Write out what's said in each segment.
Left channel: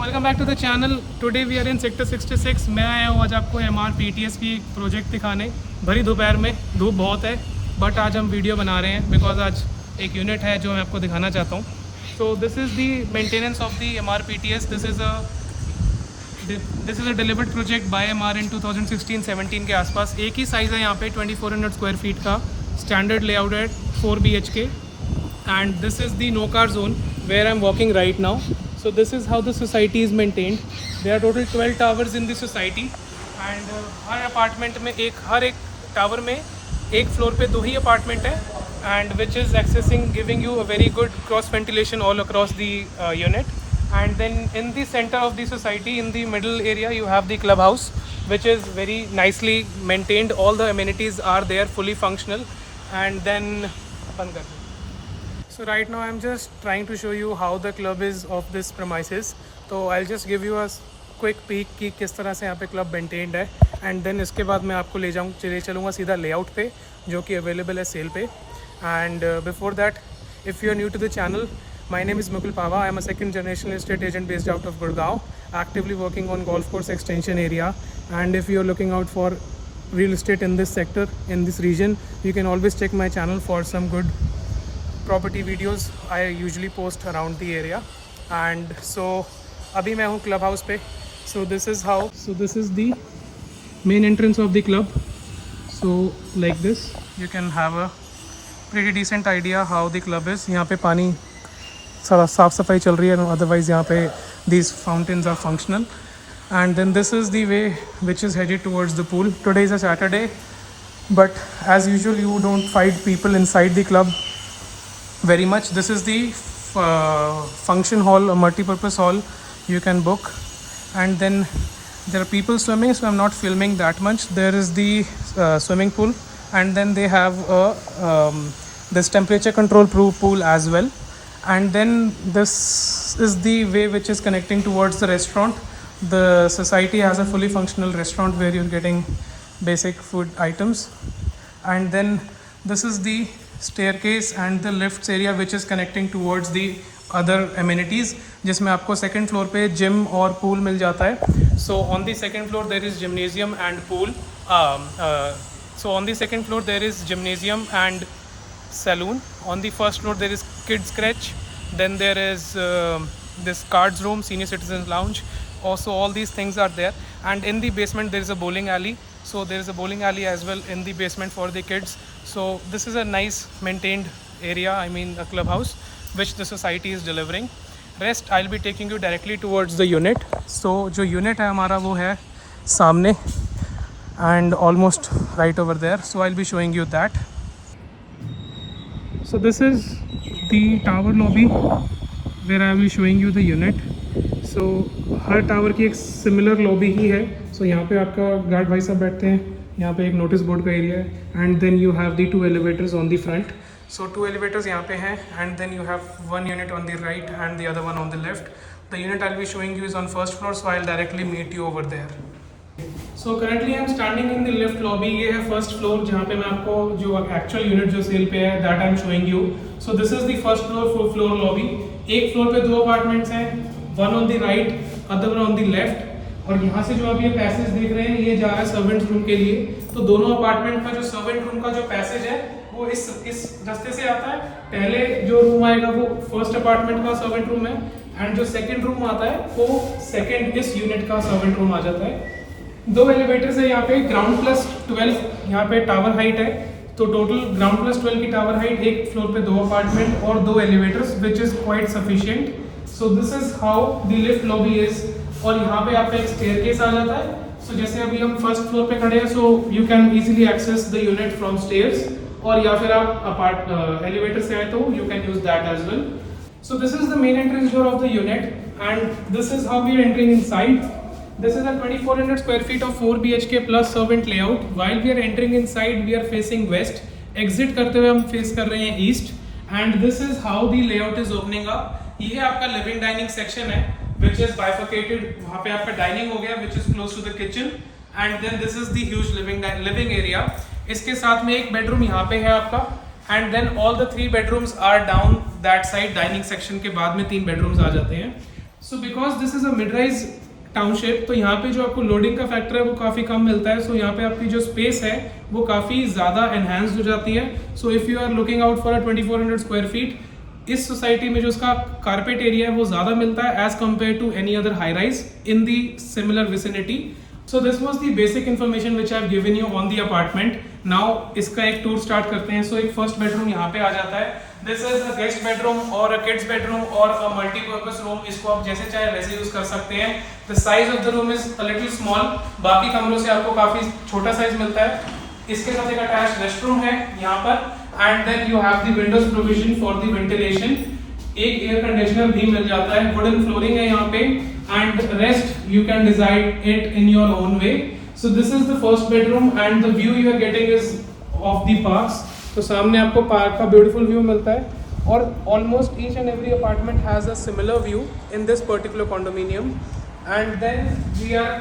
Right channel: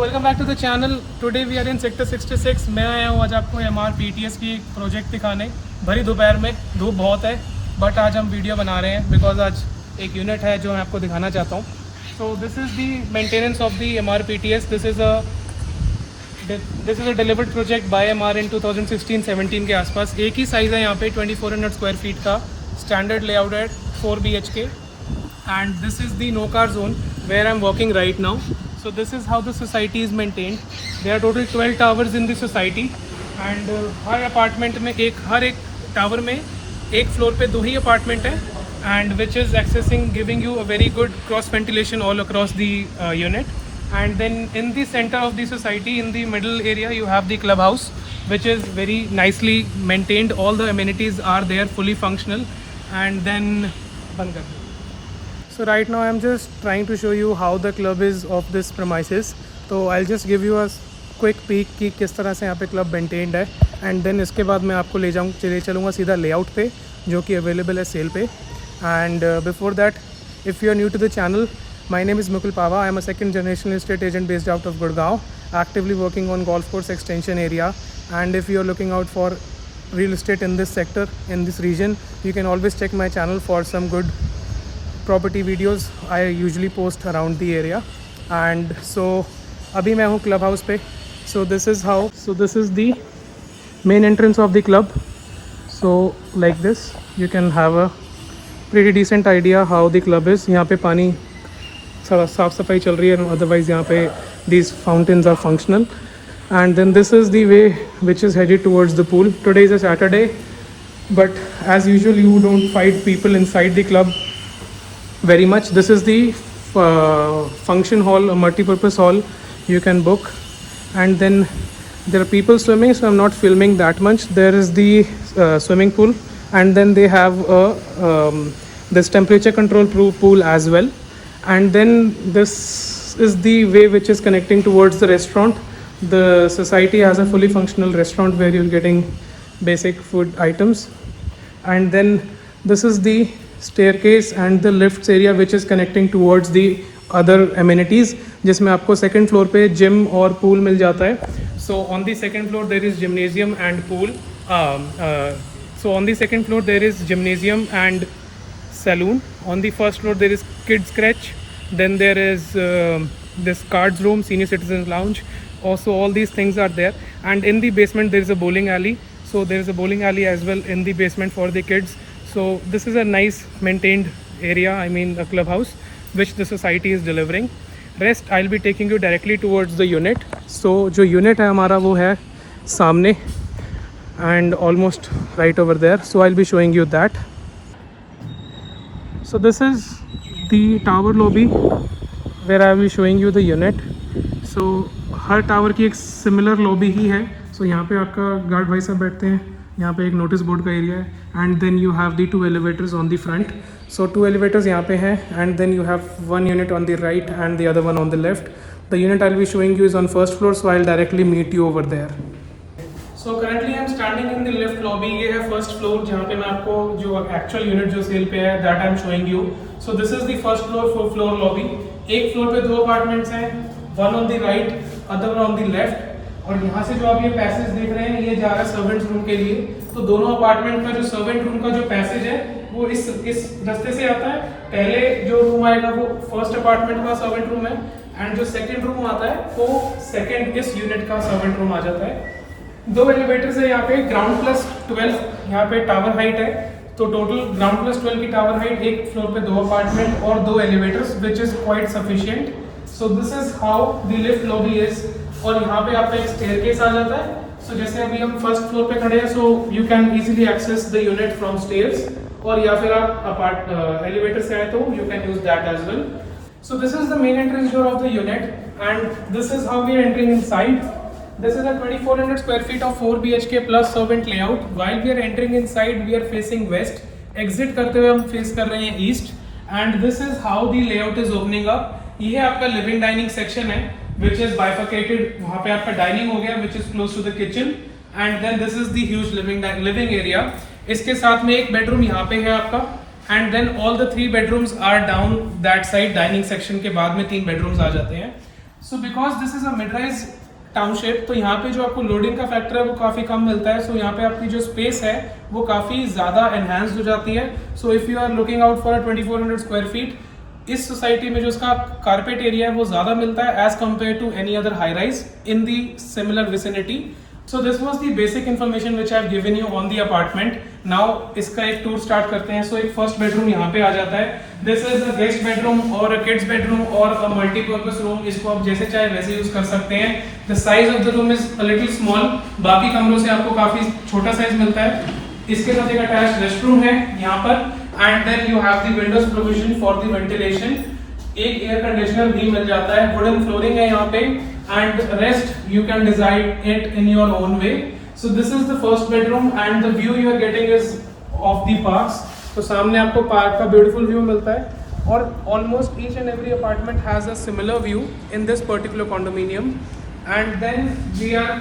Welcome back to the channel. Today we are in sector 66। मैं आया हूँ आज आपको MRPTS की एक प्रोजेक्ट दिखाने। भरी दोपहर में धूप बहुत है, बट आज हम वीडियो बना रहे हैं बिकॉज आज एक यूनिट है जो मैं आपको दिखाना चाहता हूँ। So this is the maintenance of the MRPTS। This is a delivered project by MR इन 2016-17 के आसपास। एक ही साइज़ है यहाँ पे 2400 स्क्वायर फीट का। स्टैंडर्ड लेआउट है 4 BHK and this is the no car zone where I'm walking right now. So this is how the society is maintained. There are total 12 towers in the society and हर अपार्टमेंट में हर एक टावर में एक floor पे 2 ही अपार्टमेंट है and which is accessing giving you a very good cross ventilation all across the unit. And then in the center of the society, in the middle area, you have the clubhouse, which is very nicely maintained. All the amenities are there, fully functional. And then so right now I'm just trying to show you how the club is of this premises. So I'll just give you a quick peek कि किस तरह से यहाँ पे club maintained है and then इसके बाद मैं आपको ले चलूँगा सीधा लेआउट पे जो कि अवेलेबल है सेल पे. And before that, if you are new to the channel, my name is Mukul Pava. I am a second generation estate agent based out of Gurgaon, actively working on golf course extension area. And if you are looking out for real estate in this sector, in this region, you can always check my channel for some good property videos I usually post around the area. And so abhi मैं हूँ club house पे. So this is the main entrance of the club. So like this you can have a pretty decent idea how the club is. यहाँ पे पानी साफ सफाई चल रही है, अदरवाइज यहाँ पे these fountains are functional. And then this is the way which is headed towards the pool. Today is a Saturday, but as usual you don't find people inside the club very much. This is the function hall, a multi-purpose hall you can book. And then there are people swimming, so I'm not filming that much. There is the swimming pool, and then they have this temperature control pool as well. And then this is the way which is connecting towards the restaurant. The society has a fully functional restaurant where you're getting basic food items. And then this is the staircase and the lifts area which is connecting towards the other amenities, जिसमें आपको second floor पे gym और pool मिल जाता है. So on the second floor there is gymnasium and pool. So on the second floor there is gymnasium and saloon. On the first floor there is kids crèche. Then there is this cards room, senior citizens lounge. Also all these things are there. And in the basement there is a bowling alley. So there is a bowling alley as well in the basement for the kids. So this is a nice maintained area, I mean a clubhouse, which the society is delivering. Rest I'll be taking you directly towards the unit. So जो unit है हमारा वो है सामने and almost right over there. So I'll be showing you that. So this is the tower lobby where I will be showing you the unit. So हर टावर की एक similar lobby ही है. So यहाँ पे आपका गार्ड भाई साहब बैठते हैं, यहाँ पे एक नोटिस बोर्ड का एरिया है. And then you have the 2 elevators on the front. So 2 elevators यहाँ पे हैं, and then you have 1 unit on the right and the other one on the left. The unit I'll be showing you is on first floor, so I'll directly meet you over there. So currently I'm standing in the lift lobby. ये है first floor जहाँ पे मैं आपको जो actual unit जो सेल पे है that I'm showing you. So this is the first floor lobby. एक फ्लोर पे 2 अपार्टमेंट्स हैं, one on the right, other one on the left. और यहाँ से जो आप ये पैसेज देख रहे हैं ये जा रहा है सर्वेंट रूम के लिए. तो दोनों अपार्टमेंट का जो सर्वेंट रूम का जो पैसेज है वो इस रास्ते से आता है. पहले जो रूम आएगा वो फर्स्ट अपार्टमेंट का सर्वेंट रूम है, एंड जो सेकंड रूम आता है वो सेकंड इस यूनिट का सर्वेंट रूम आ जाता है. 2 एलिवेटर्स है यहाँ पे. ग्राउंड प्लस 12 यहाँ पे टावर हाइट है. तो टोटल ग्राउंड प्लस 12 की टावर हाइट, एक फ्लोर पे 2 अपार्टमेंट और 2 elevators, which is quite sufficient. So this is how the lift lobby is. और यहाँ पे आपका एक स्टेयरकेस आ जाता है. सो जैसे अभी हम फर्स्ट फ्लोर पे खड़े हैं, so you can easily access the unit from stairs. और या फिर आप एलिवेटर से आए तो you can use that as well. So this is the main entrance door of the unit, and this is how we are entering inside. This is a 2400 square feet of 4 BHK plus servant layout. While we are entering inside, we are facing west. Exit करते हुए हम फेस कर रहे हैं east. And this is how the layout is opening up. ये आपका living dining section है, which is bifurcated. वहाँ पे आपका डाइनिंग हो गया, which is close to the kitchen. And then this is the huge living area. इसके साथ में एक बेडरूम यहाँ पे है आपका. And then all the 3 bedrooms are down that side. Dining section के बाद में 3 bedrooms आ जाते हैं. So because this is a mid rise township, तो यहाँ पे जो आपको लोडिंग का फैक्टर है वो काफ़ी कम मिलता है. सो यहाँ पे आपकी जो स्पेस है वो काफ़ी ज़्यादा एनहांस्ड हो जाती है. So if you are looking out for 2400 square feet, इस सोसाइटी में जो उसका कारपेट एरिया है वो ज़्यादा मिलता है as compared to any other high rise in the similar vicinity. So this was the basic information which I have given you on the apartment. Now इसका एक टूर स्टार्ट करते हैं. सो एक फर्स्ट बेडरूम यहाँ पे आ जाता है. This is a guest bedroom और अ किड्स बेडरूम और अ मल्टीपर्पज रूम. इसको आप जैसे चाहे वैसे यूज कर सकते हैं. The size of the room is a little small. बाकी कमरों से आपको काफी छोटा साइज मिलता है. इसके साथ एक अटैच्ड रेस्टरूम है यहाँ पर. And then you have the windows provision for the ventilation. एक एयर कंडीशनर भी मिल जाता है. वुडन फ्लोरिंग है यहाँ पे and rest you can decide it in your own way. So this is the first bedroom and the view you are getting is of the parks. तो सामने आपको पार्क का ब्यूटीफुल व्यू मिलता है और almost each and every apartment has a similar view in this particular condominium. And then we are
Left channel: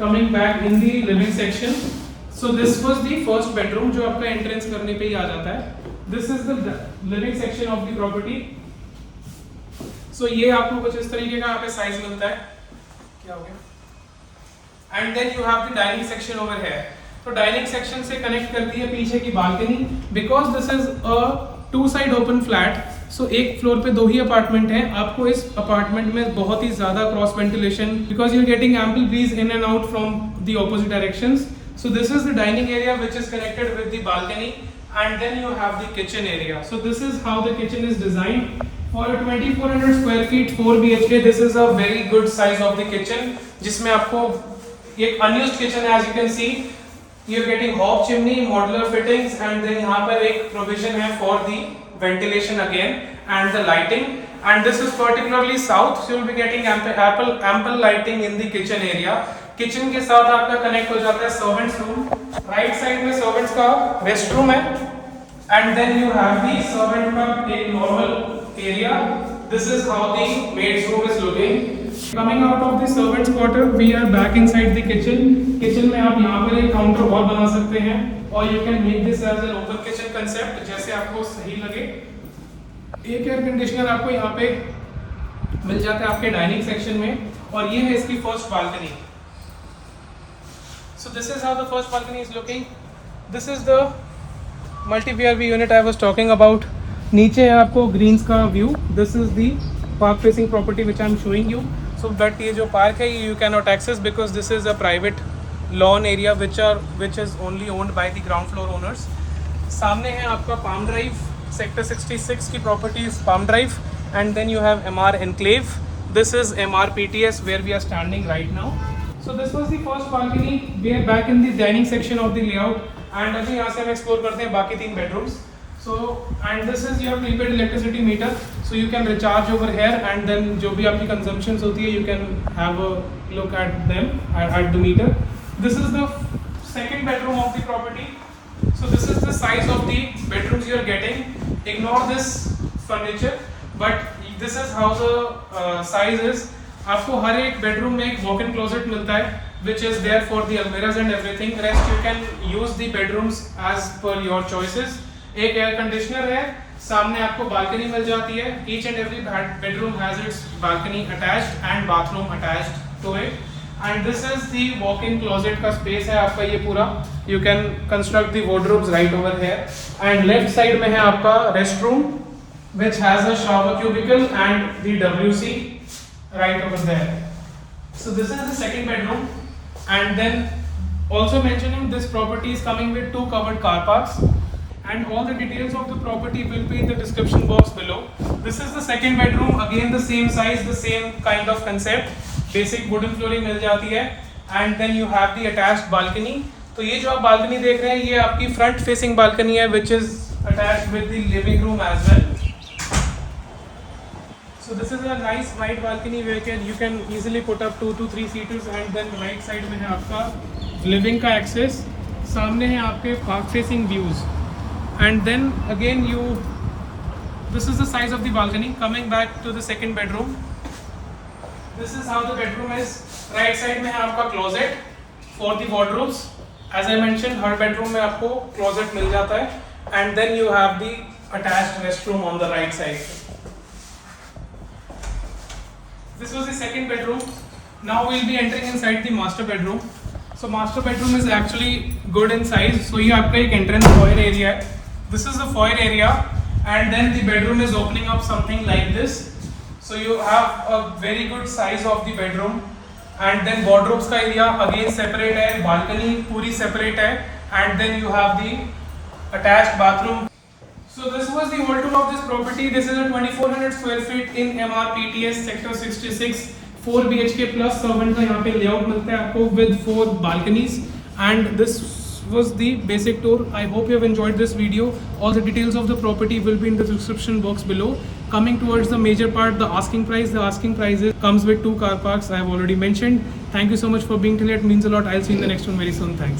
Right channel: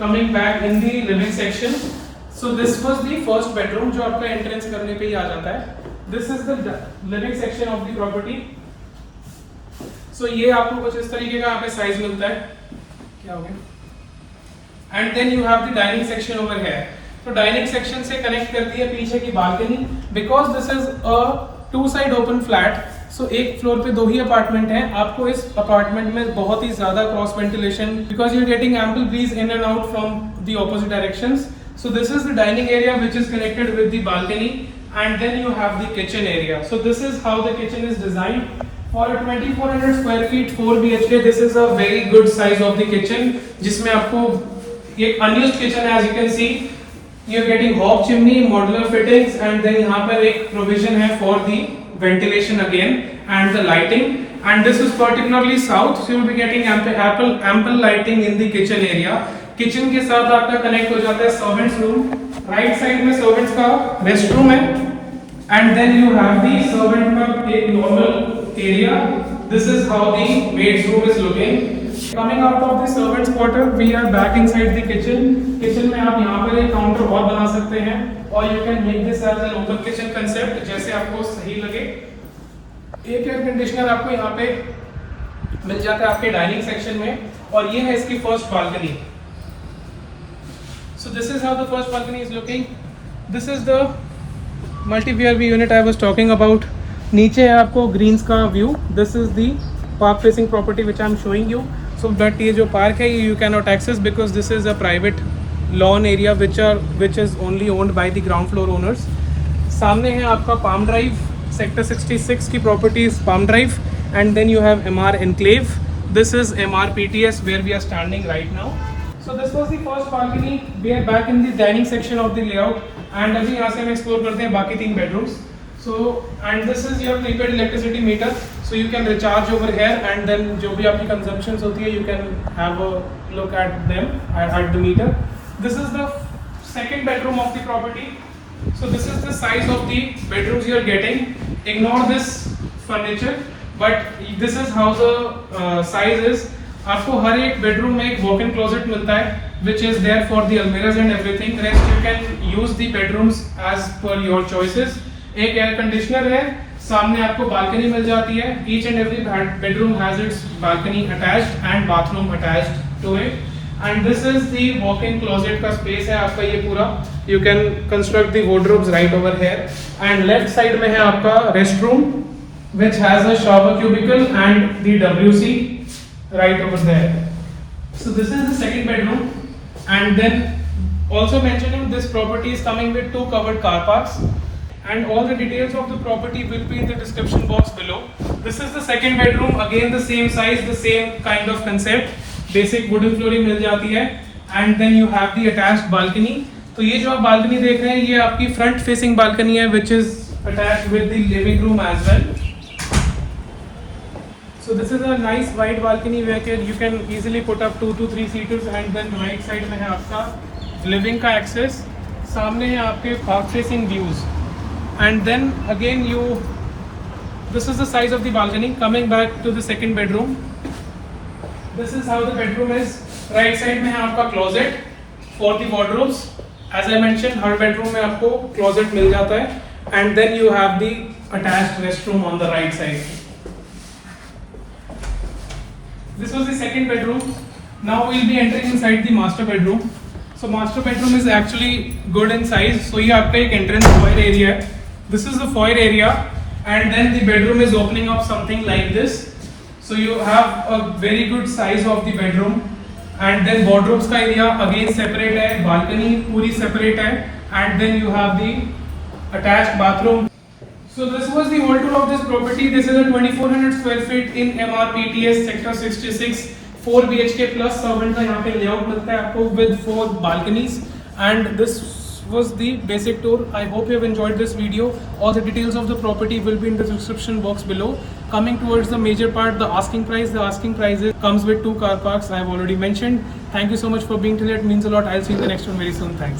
coming back in the living section. So this was the first bedroom जो आपका entrance करने पे ही आ जाता है. This is the living section of the property. So ये आपको कुछ इस तरीके का यहाँ पे साइज मिलता है. क्या हो गया? And then you have the dining section over here. तो डाइनिंग सेक्शन से कनेक्ट करती है पीछे की balcony. Because this is a two side open flat, so एक फ्लोर पे दो ही अपार्टमेंट है. आपको इस अपार्टमेंट में बहुत ही ज्यादा cross ventilation, because you are getting ample breeze in and out from the opposite directions. So this is the dining area which is connected with the balcony. And then you have the kitchen area. So this is how the kitchen is designed for 2400 square feet 4 BHK. This is a very good size of the kitchen, जिसमें आपको एक unused kitchen है. As you can see you're getting hob chimney, modular fittings, and then यहाँ पर एक provision है for the ventilation again and the lighting. And this is particularly south, so you'll be getting ample lighting in the kitchen area. Kitchen के साथ आपका connect हो जाता है servants room. Right side में servants का restroom है. And then you have the servant का एक normal area. This is how the maid's room is looking. Coming out of the servants quarter, we are back inside the kitchen. Kitchen में आप यहाँ पर एक काउंटर और बना सकते हैं और you can make this as an open kitchen concept, जैसे आपको सही लगे. एक एयर कंडीशनर आपको यहाँ पे मिल जाता है आपके डाइनिंग सेक्शन में और ये है इसकी first balcony. So this is how the first balcony is looking. This is the multi-VRV unit I was talking about. नीचे है आपको ग्रीन्स का व्यू. This is the park facing property which I am showing you. So that ये जो park है ये you can not access because this is a private lawn area which is only owned by the ground floor owners. सामने है आपका Palm Drive. Sector 66 की property is Palm Drive. And then you have MR Enclave. This is MR PTS where we are standing right now. So this was the first balcony. We are back in the dining section of the layout. And अभी यहाँ से हम explore करते हैं बाकी 3 bedrooms. So and this is your prepaid electricity meter, so you can recharge over here and then जो भी आपकी consumptions होती है you can have a look at them at the meter. This is the second bedroom of the property. So this is the size of the bedrooms you are getting. Ignore this furniture, but this is how the size is. आपको हर एक bedroom में एक walk-in closet मिलता है which is there for the almirahs and everything. Rest you can use the bedrooms as per your choices. एक air conditioner है. सामने आपको बालकनी मिल जाती है. Each and every bedroom has its balcony attached and bathroom attached to it. And this is the walk in closet का space है आपका ये पूरा. You can construct the wardrobes right over here. And left side में है आपका rest room which has a shower cubicle and the WC right over there. So this is the second bedroom. And then also mentioning this property is coming with 2 covered car parks. And all the details of the property will be in the description box below. This is the second bedroom. Again the same size, the same kind of concept. Basic wooden flooring मिल जाती है. And then you have the attached balcony. तो ये जो आप balcony देख रहे हैं ये आपकी front facing balcony है which is attached with the living room as well. So this is a nice wide balcony where you can easily put up 2 to 3 seaters. And then right side में है आपका living का access. सामने है आपके park facing views. And then again this is the size of the balcony. Coming back to the second bedroom, this is how the bedroom is. Right side में है आपका closet for the wardrobes. As I mentioned, हर bedroom में आपको closet मिल जाता है. And then you have the attached restroom on the right side. This was the second bedroom. Now we'll be entering inside the master bedroom. So master bedroom is actually good in size. So ये आपका एक entrance foyer area है. This is the foyer area, and then the bedroom is opening up something like this. So you have a very good size of the bedroom, and then wardrobes का area again separate है, balcony पूरी separate है, and then you have the attached bathroom. So this was the whole tour of this property. This is a 2400 square feet in MRPTS sector 66, 4 BHK plus servant का यहाँ पे layout मिलता है आपको with 4 balconies, and this was the basic tour. I hope you have enjoyed this video. All the details of the property will be in the description box below. Coming towards the major part, the asking price. The asking price comes with 2 car parks. I have already mentioned. Thank you so much for being till. It means a lot. I'll see you in the next one very soon. Thanks.